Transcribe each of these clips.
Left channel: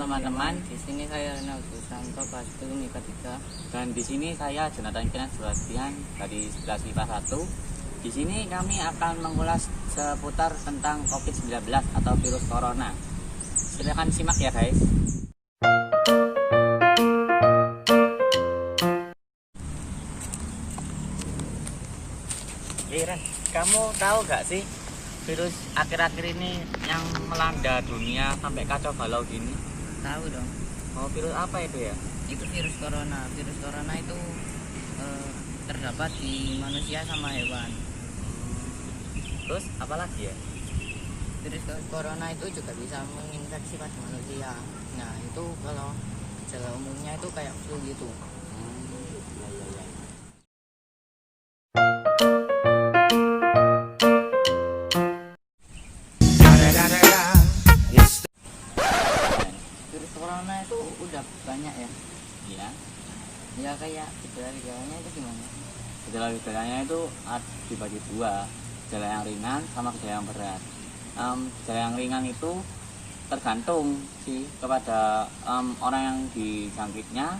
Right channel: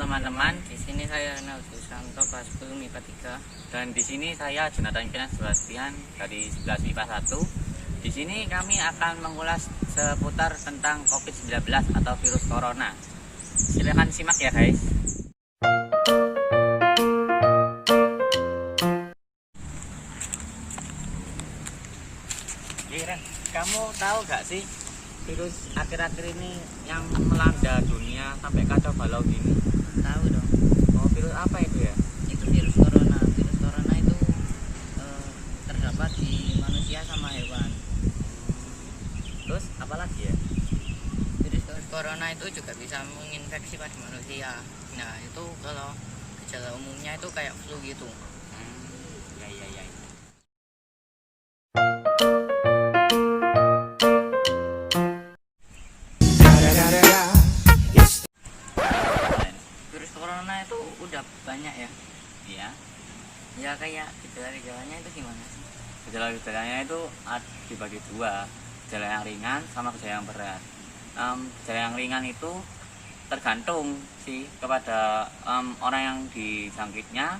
teman-teman, di sini saya Renal Susanto kelas 10 MIPA 3 dan di sini saya Jonathan Kinan Sebastian dari 11 MIPA 1. Di sini kami akan mengulas seputar tentang COVID-19 atau virus corona. Silakan simak ya guys. Ren, kamu tahu gak sih virus akhir-akhir ini yang melanda dunia sampai kacau balau gini? Tahu dong. Oh, virus apa itu ya? Itu virus corona. Virus corona itu terdapat di manusia sama hewan. Terus apa lagi ya? Virus corona itu juga bisa menginfeksi pada manusia. Nah, itu kalau gejala umumnya itu kayak flu gitu. Ya. Virus corona itu udah banyak ya. Iya. Ya kayak gejala-gejalanya itu gimana? Gejala-gejalanya itu dibagi dua, gejala yang ringan sama gejala yang berat. Gejala yang ringan itu tergantung sih kepada orang yang dijangkitnya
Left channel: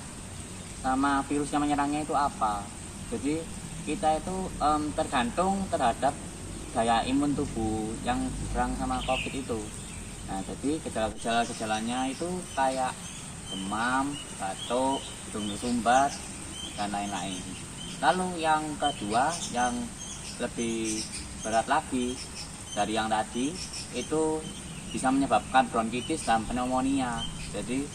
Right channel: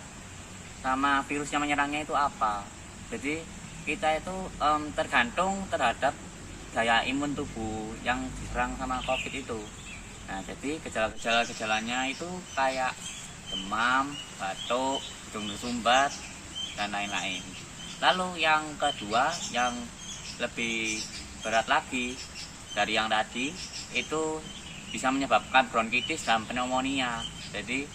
sama virusnya menyerangnya itu apa. Jadi kita itu tergantung terhadap daya imun tubuh yang diserang sama COVID itu. Nah, jadi gejalanya itu kayak demam, batuk, hidung bersumbat, dan lain-lain. Lalu yang kedua yang lebih berat lagi dari yang tadi itu bisa menyebabkan bronkitis dan pneumonia. Jadi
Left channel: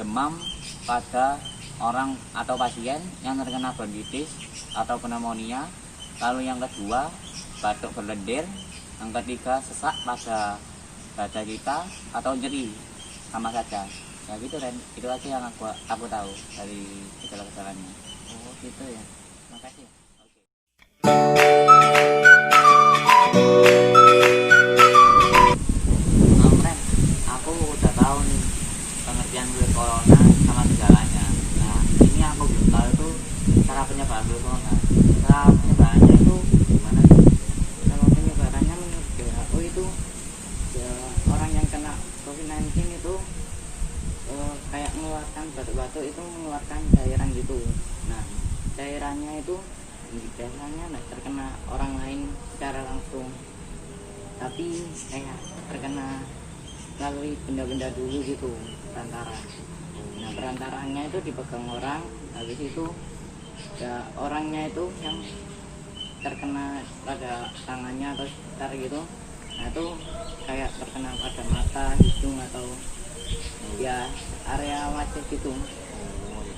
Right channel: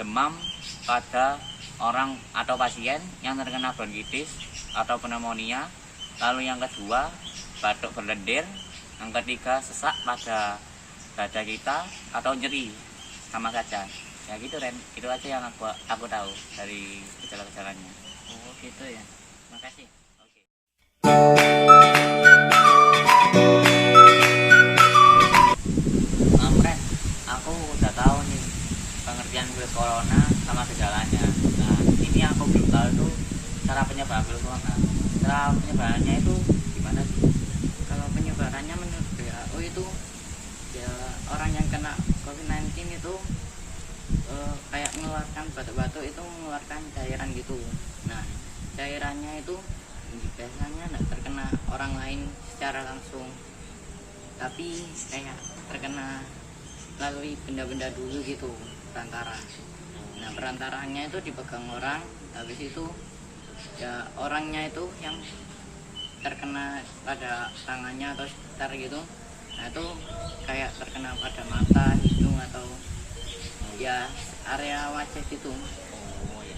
demam pada orang atau pasien yang terkena bronkitis atau pneumonia. Lalu yang kedua batuk berlendir. Yang ketiga sesak pada dada kita atau nyeri, sama saja. Ya gitu Ren, itu aja yang aku tahu dari gejala-gejalanya. Oh gitu ya. Makasih. Oke. Ren, aku udah tahu nih pengertian virus corona sama gejalanya. Nah, ini aku belum tahu itu cara penyebaran virus corona. Cara penyebarannya itu gimana sih? Kalau penyebarannya menurut WHO itu ya, orang yang kena COVID-19 itu kayak mengeluarkan batuk-batuk itu mengeluarkan cairan gitu. Nah, cairannya itu biasanya tidak terkena orang lain secara langsung, tapi kayak terkena melalui benda-benda dulu gitu, perantara. Nah, perantaranya itu dipegang orang, habis itu ya orangnya itu yang terkena pada tangannya atau sekitar gitu. Nah, itu kayak terkena pada mata, hidung atau ya area wajah gitu. Oh ya.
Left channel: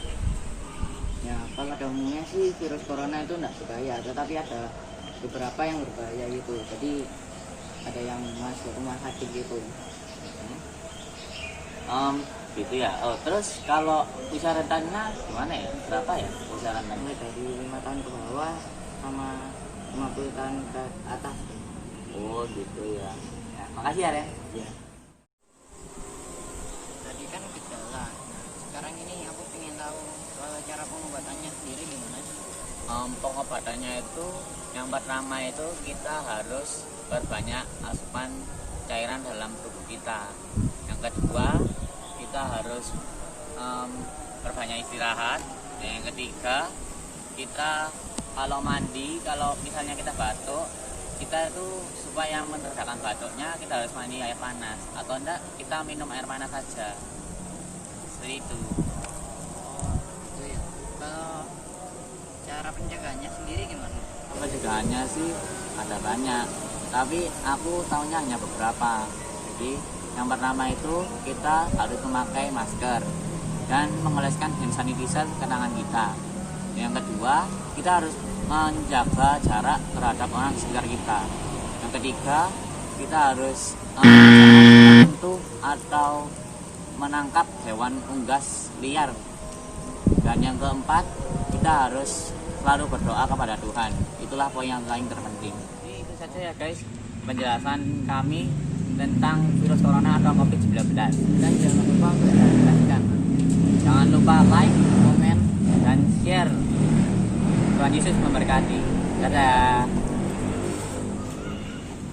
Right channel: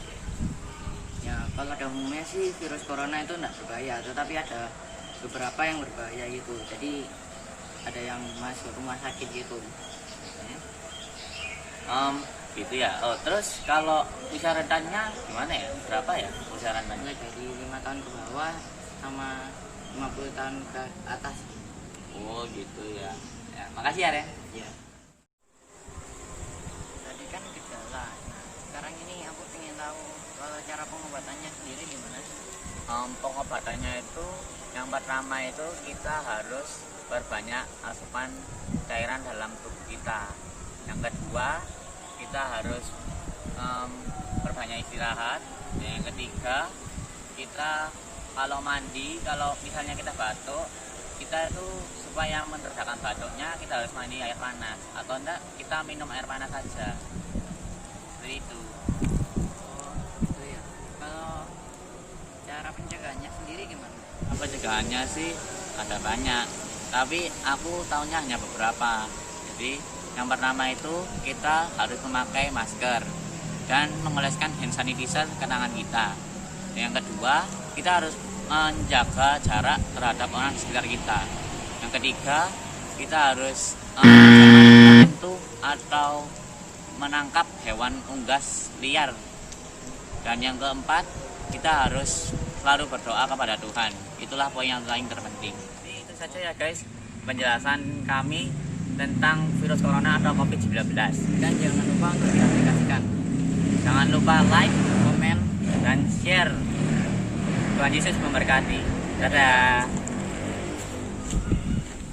Ya kalau pada umumnya sih virus corona itu tidak berbahaya, tetapi ada beberapa yang berbahaya gitu. Jadi ada yang masuk rumah sakit gitu. Gitu ya. Oh, terus kalau usia rentannya gimana ya? Berapa ya usia rentannya? Mulai dari 5 tahun ke bawah sama 50 tahun ke atas. Oh gitu ya. Ya, makasih ya Ren. Ya. Tadi kan gejala. Nah, sekarang ini aku ingin tahu soal cara pengobatannya sendiri gimana sih? Pengobatannya itu yang pertama itu kita harus perbanyak asupan cairan dalam tubuh kita. Yang kedua kita harus perbanyak istirahat. Yang ketiga kita kalau mandi, kalau misalnya kita batuk, kita itu supaya meredakan batuknya kita harus mandi air panas, atau enggak kita minum air panas saja, seperti itu. Oh gitu ya. Kalau cara pencegahannya sendiri gimana? Pencegahannya sih ada banyak, tapi aku tahunya hanya beberapa. Jadi yang pertama itu kita harus memakai masker dan mengoleskan hand sanitizer ke tangan kita. Yang kedua kita harus menjaga jarak terhadap orang di sekitar kita. Yang ketiga kita harus menyentuh atau menangkap hewan unggas liar. Dan yang keempat kita harus selalu berdoa kepada Tuhan. Itulah poin yang paling terpenting. Jadi itu saja ya guys penjelasan kami tentang virus corona atau COVID-19. Dan jangan lupa untuk diaplikasikan. Jangan lupa like, komen, dan share. Tuhan Yesus memberkati. Dadah.